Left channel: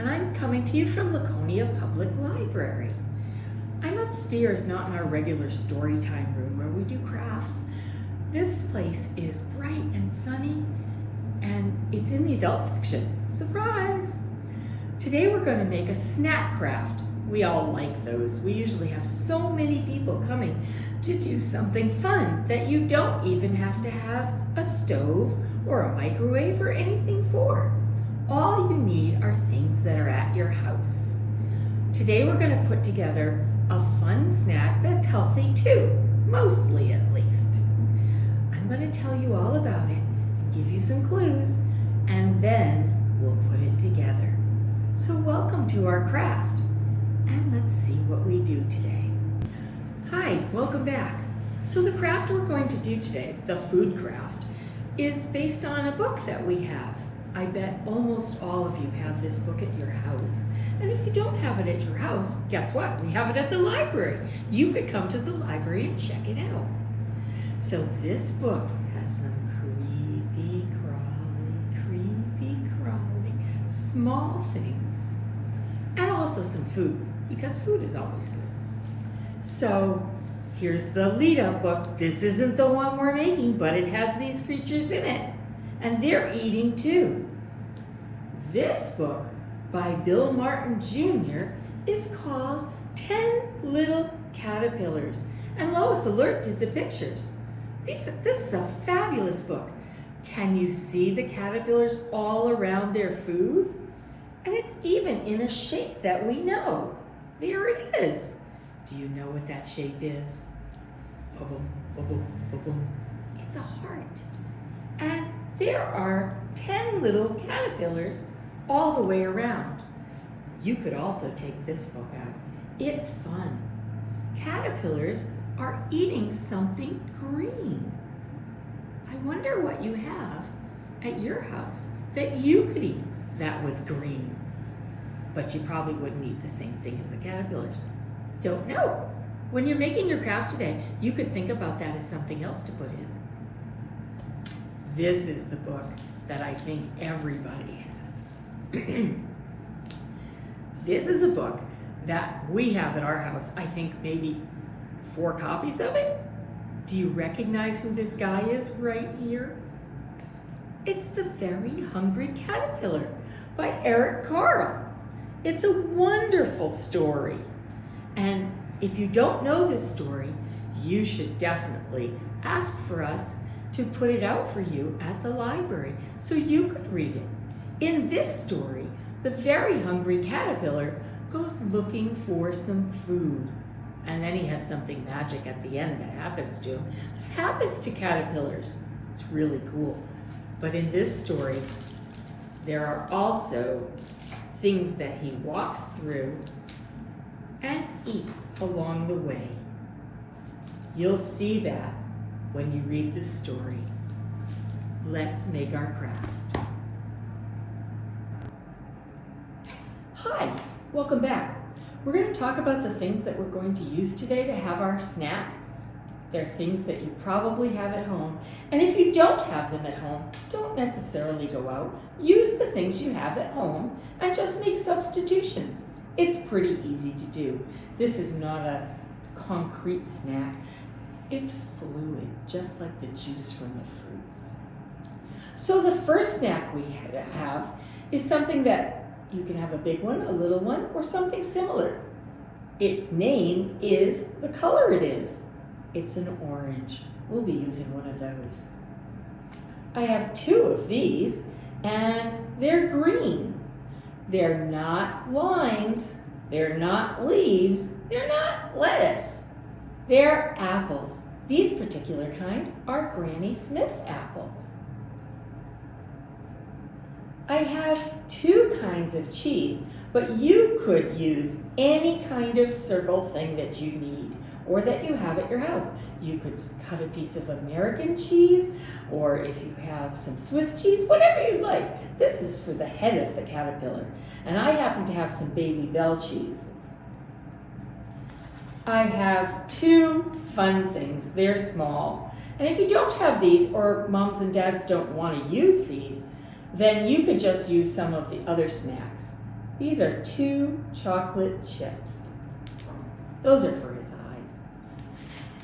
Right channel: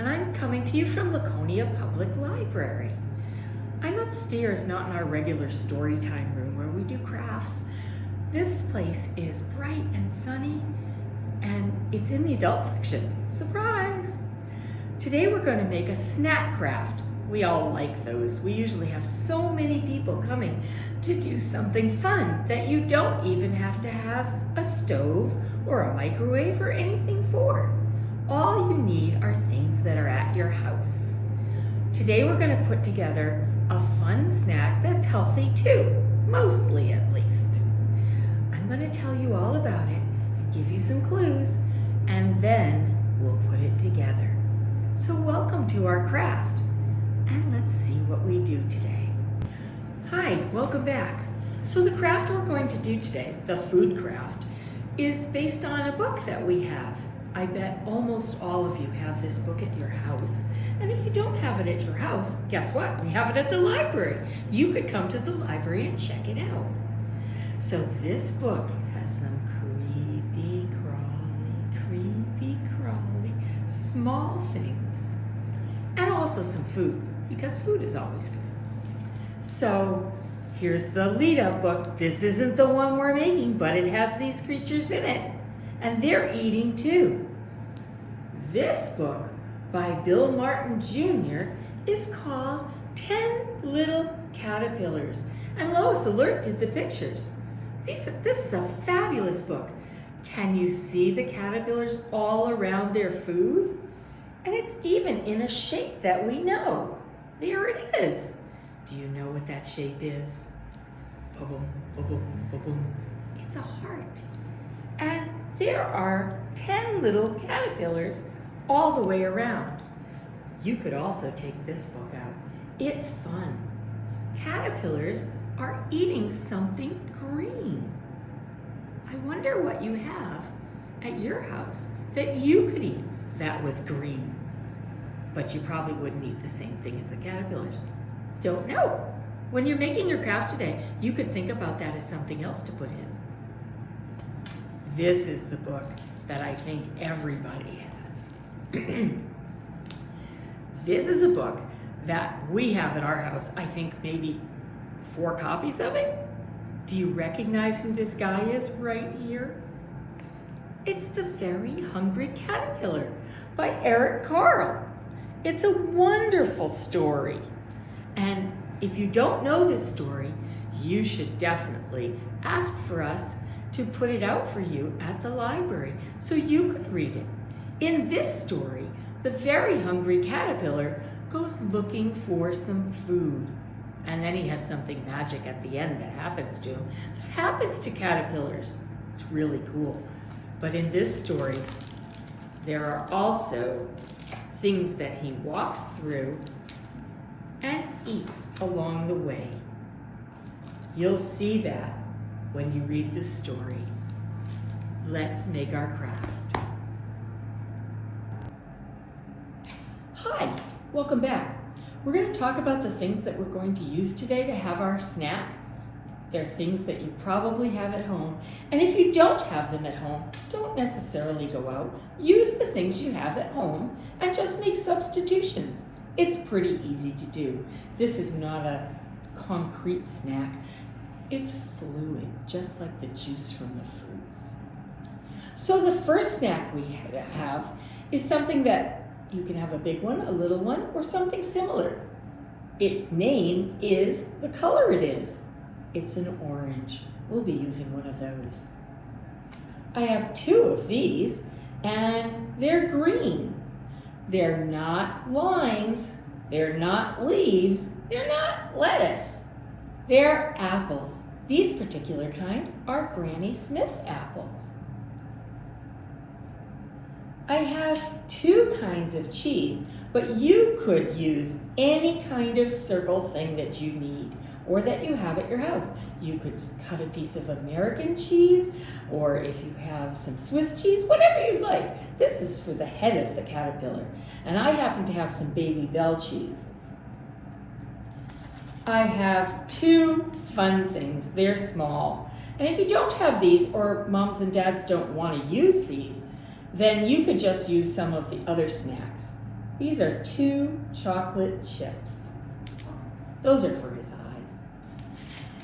and I'm coming to you from Laconia Public Library. I'm upstairs, not in our regular story time room where we do crafts. This place is bright and sunny, and it's in the adult section. Surprise! Today we're going to make a snack craft. We all like those. We usually have so many people coming to do something fun that you don't even have to have a stove or a microwave or anything for. All you need are things that are at your house. Today we're going to put together a fun snack that's healthy too, mostly at least. I'm going to tell you all about it and give you some clues, and then we'll put it together. So welcome to our craft. And let's see what we do today. Hi, welcome back. So the craft we're going to do today, the food craft, is based on a book that we have. I bet almost all of you have this book at your house. And if you don't have it at your house, guess what? We have it at the library. You could come to the library and check it out. So this book has some creepy crawly, small things. And also some food, because food is always good. So here's the lead-up book. This isn't the one we're making, but it has these creatures in it, and they're eating too. This book by Bill Martin Jr. is called 10 Little Caterpillars, and Lois Alert did the pictures. This is a fabulous book. Can you see the caterpillars all around their food? And it's even in a shape that we know. There it is. Do you know what that shape is? Ba-boom, ba-boom, ba-boom. It's a heart. And there are 10 little caterpillars all the way around. You could also take this book out. It's fun. Caterpillars are eating something green. I wonder what you have at your house that you could eat that was green. But you probably wouldn't eat the same thing as the caterpillars. Don't know. When you're making your craft today, you could think about that as something else to put in. This is the book that I think everybody has. This is a book that we have at our house. I think maybe 4 copies of it. Do you recognize who this guy is right here? It's The Very Hungry Caterpillar by Eric Carle. It's a wonderful story. And if you don't know this story, you should definitely ask for us to put it out for you at the library so you could read it. In this story, the very hungry caterpillar goes looking for some food. And then he has something magic at the end that happens to him. That happens to caterpillars. It's really cool. But in this story, there are also things that he walks through and eats along the way. You'll see that when you read this story. Let's make our craft. Hi, welcome back. We're going to talk about the things that we're going to use today to have our snack. They're things that you probably have at home. And if you don't have them at home, don't necessarily go out. Use the things you have at home and just make substitutions. It's pretty easy to do. This is not a concrete snack. It's fluid, just like the juice from the fruits. So the first snack we have is something that you can have a big one, a little one, or something similar. Its name is the color it is. It's an orange. We'll be using one of those. I have 2 of these, and they're green. They're not limes. They're not leaves. They're not lettuce. They're apples. These particular kind are Granny Smith apples. I have 2 kinds of cheese, but you could use any kind of circle thing that you need or that you have at your house. You could cut a piece of American cheese, or if you have some Swiss cheese, whatever you'd like. This is for the head of the caterpillar, and I happen to have some Baby Belle cheeses. I have 2 fun things. They're small, and if you don't have these, or moms and dads don't want to use these, then you could just use some of the other snacks. These are 2 chocolate chips. Those are for his eyes.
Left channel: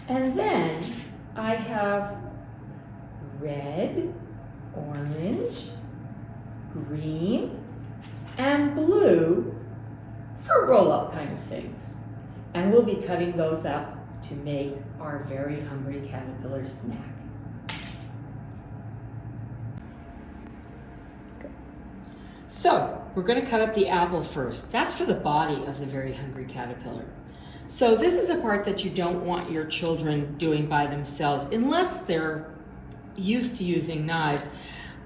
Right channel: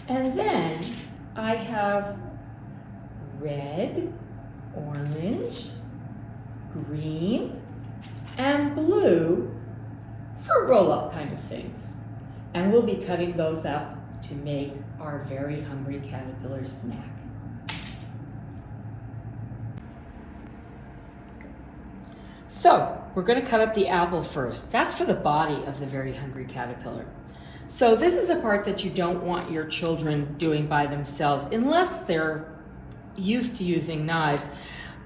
And then I have red, orange, green, and blue for roll-up kind of things. And we'll be cutting those up to make our very hungry caterpillar snack. So we're going to cut up the apple first. That's for the body of the very hungry caterpillar. So this is a part that you don't want your children doing by themselves unless they're used to using knives,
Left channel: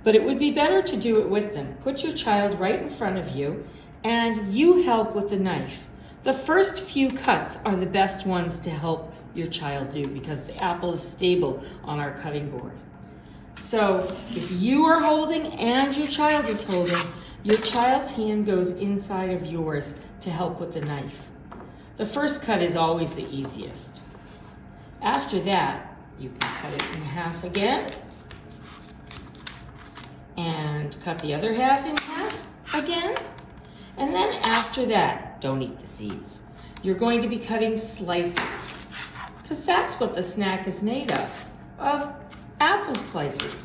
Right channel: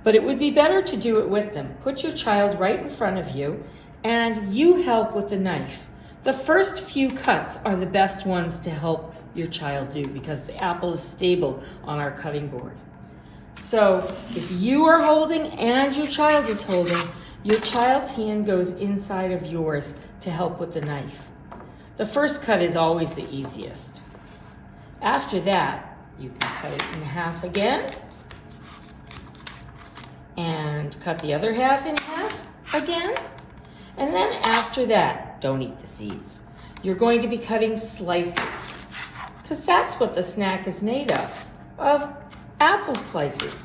but it would be better to do it with them. Put your child right in front of you and you help with the knife. The first few cuts are the best ones to help your child do because the apple is stable on our cutting board. So if you are holding and your child is holding, your child's hand goes inside of yours to help with the knife. The first cut is always the easiest. After that, you can cut it in half again and cut the other half in half again. And then after that, don't eat the seeds. You're going to be cutting slices because that's what the snack is made of apple slices.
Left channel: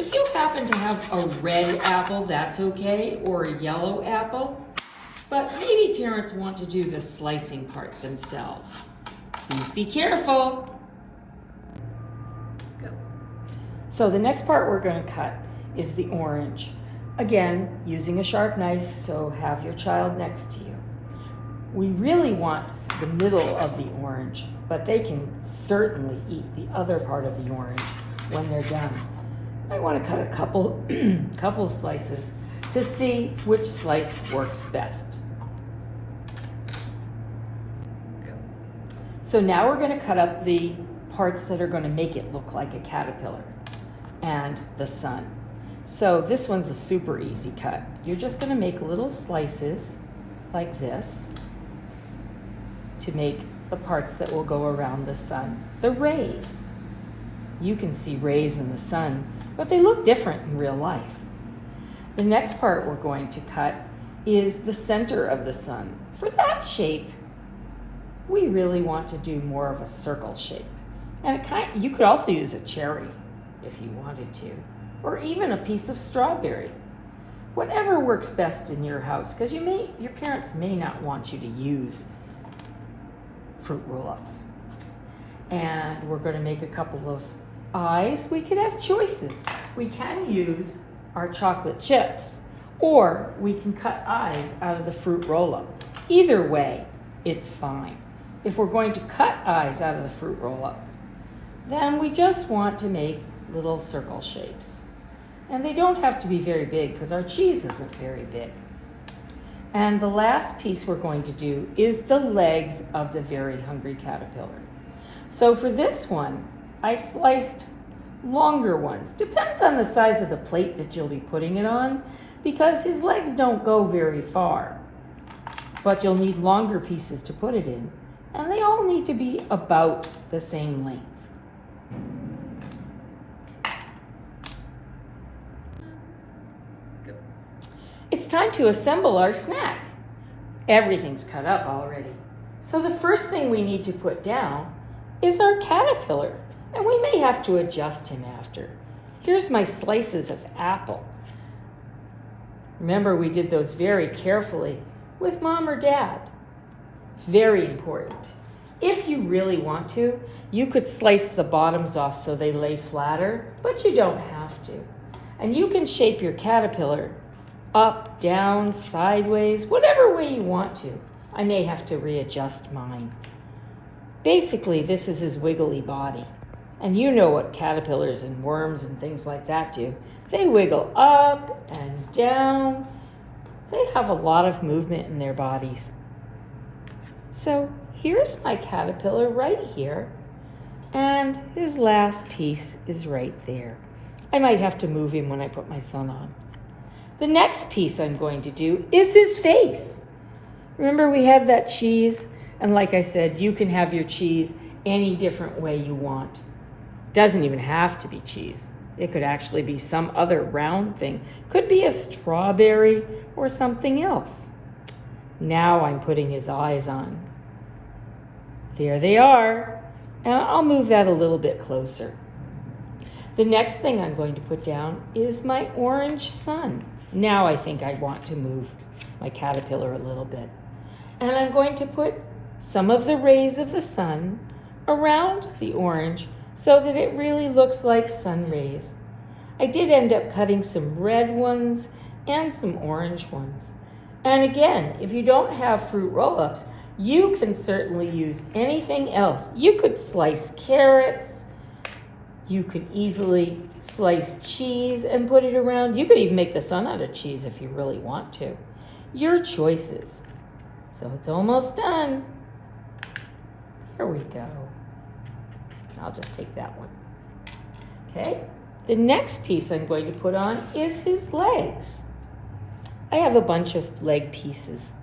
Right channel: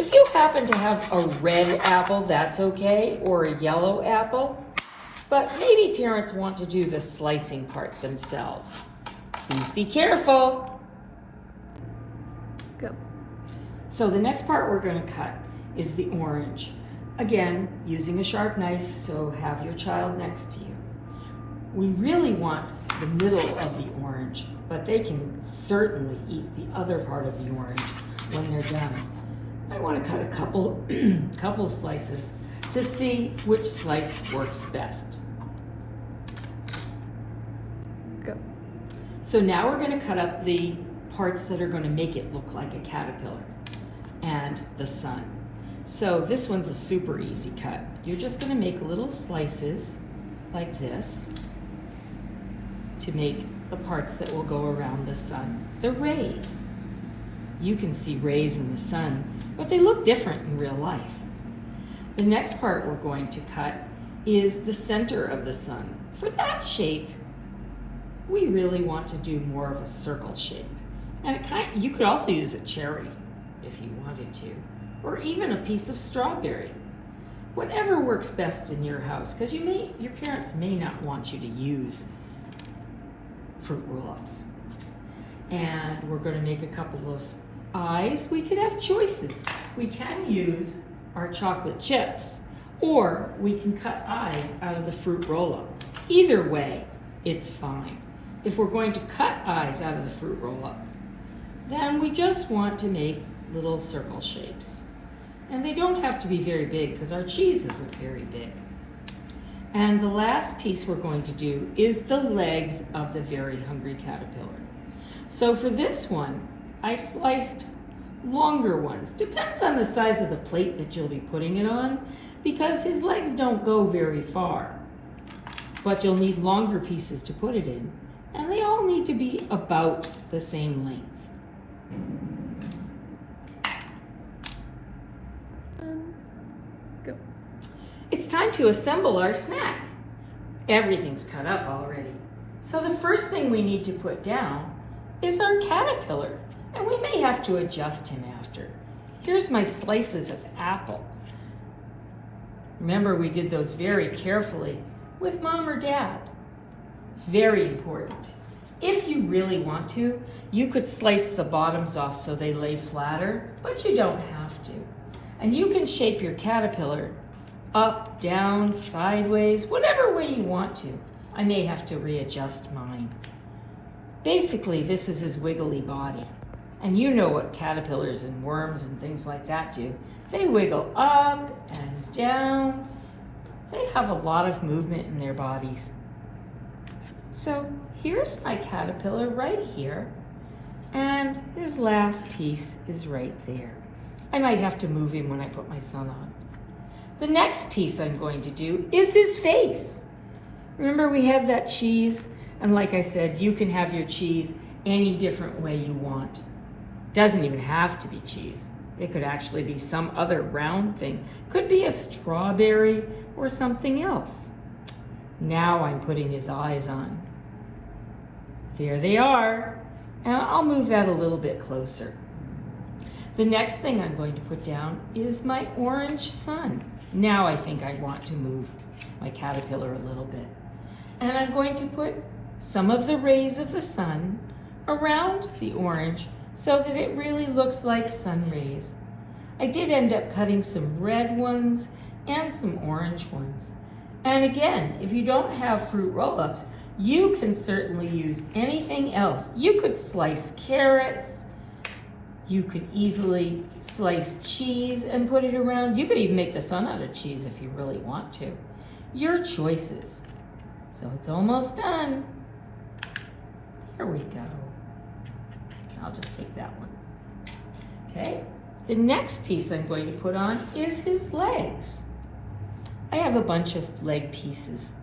If you happen to have a red apple, that's okay, or a yellow apple, but maybe parents want to do the slicing part themselves. Please be careful. So the next part we're going to cut is the orange. Again, using a sharp knife, so have your child next to you. We really want the middle of the orange, but they can certainly eat the other part of the orange when they're done. I want to cut a couple slices to see which slice works best. So now we're going to cut up the parts that are going to make it look like a caterpillar and the sun. So this one's a super easy cut. You're just going to make little slices like this to make the parts that will go around the sun, the rays. You can see rays in the sun, but they look different in real life. The next part we're going to cut is the center of the sun. For that shape, we really want to do more of a circle shape. And you could also use a cherry if you wanted to, or even a piece of strawberry. Whatever works best in your house, because your parents may not want you to use fruit roll-ups. And we're going to make a couple of eyes. We could have choices. We can use our chocolate chips, or we can cut eyes out of the fruit roll-up. Either way, it's fine. If we're going to cut eyes out of the fruit roll-up, then we just want to make little circle shapes. And they don't have to be very big because our cheese isn't very big. And the last piece we're going to do is the legs of the very hungry caterpillar. So for this one, I sliced longer ones. Depends on the size of the plate that you'll be putting it on, because his legs don't go very far. But you'll need longer pieces to put it in, and they all need to be about the same length. It's time to assemble our snack. Everything's cut up already. So the first thing we need to put down is our caterpillar, and we may have to adjust him after. Here's my slices of apple. Remember, we did those very carefully with Mom or Dad. It's very important. If you really want to, you could slice the bottoms off so they lay flatter, but you don't have to. And you can shape your caterpillar up, down, sideways, whatever way you want to. I may have to readjust mine. Basically, this is his wiggly body. And you know what caterpillars and worms and things like that do. They wiggle up and down. They have a lot of movement in their bodies. So here's my caterpillar right here, and his last piece is right there. I might have to move him when I put my sun on. The next piece I'm going to do is his face. Remember, we had that cheese, and like I said, you can have your cheese any different way you want. Doesn't even have to be cheese. It could actually be some other round thing. Could be a strawberry or something else. Now I'm putting his eyes on. There they are. And I'll move that a little bit closer. The next thing I'm going to put down is my orange sun. Now I think I want to move my caterpillar a little bit. And I'm going to put some of the rays of the sun around the orange so that it really looks like sun rays. I did end up cutting some red ones and some orange ones. And again, if you don't have fruit roll-ups, you can certainly use anything else. You could slice carrots. You could easily slice cheese and put it around. You could even make the sun out of cheese if you really want to. Your choices. So it's almost done. There we go. I'll just take that one. Okay. The next piece I'm going to put on is his legs. I have a bunch of leg pieces.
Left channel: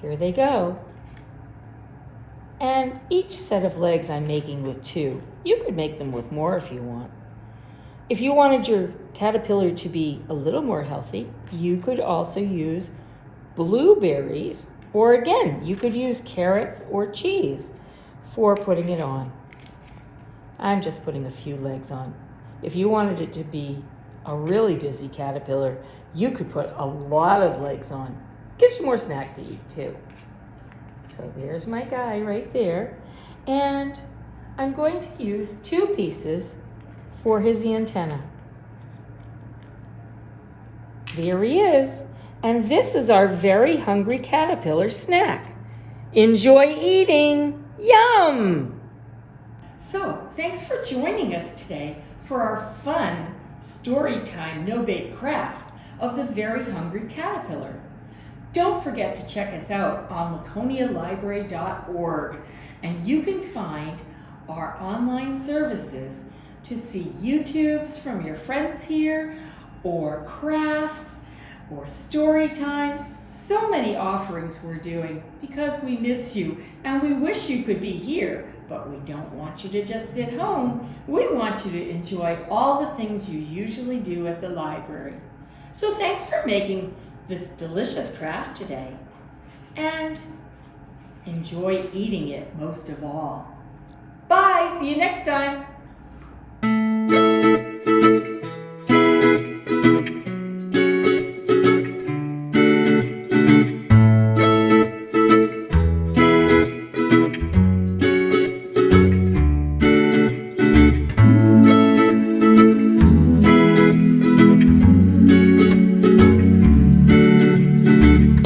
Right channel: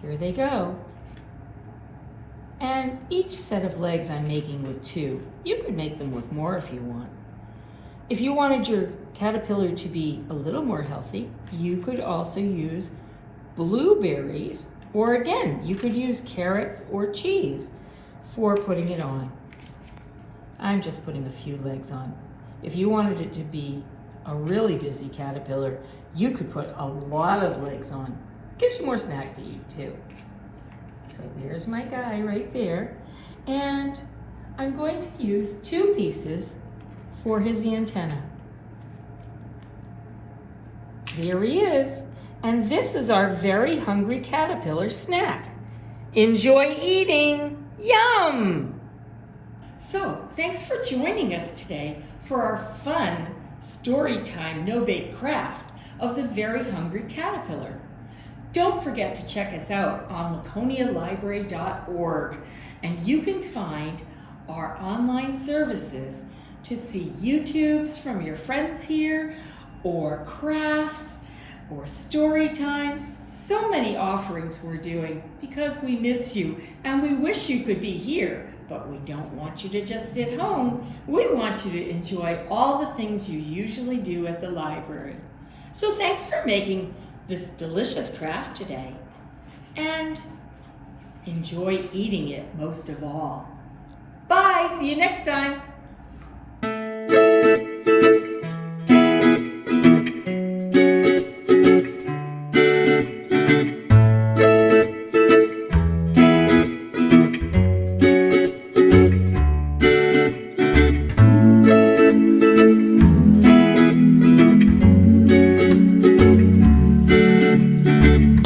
Here they go. And each set of legs I'm making with 2. You could make them with more if you want. If you wanted your caterpillar to be a little more healthy, you could also use blueberries, or again, you could use carrots or cheese for putting it on. I'm just putting a few legs on. If you wanted it to be a really busy caterpillar, you could put a lot of legs on. Gives you more snack to eat too. So there's my guy right there. And I'm going to use 2 pieces for his antenna. There he is. And this is our very hungry caterpillar snack. Enjoy eating. Yum! So, thanks for joining us today for our fun story time no-bake craft of the very hungry caterpillar. Don't forget to check us out on laconialibrary.org, and you can find our online services to see YouTubes from your friends here, or crafts, or story time. So many offerings we're doing because we miss you and we wish you could be here, but we don't want you to just sit home. We want you to enjoy all the things you usually do at the library. So thanks for making this delicious craft today, and enjoy eating it most of all. Bye, see you next time.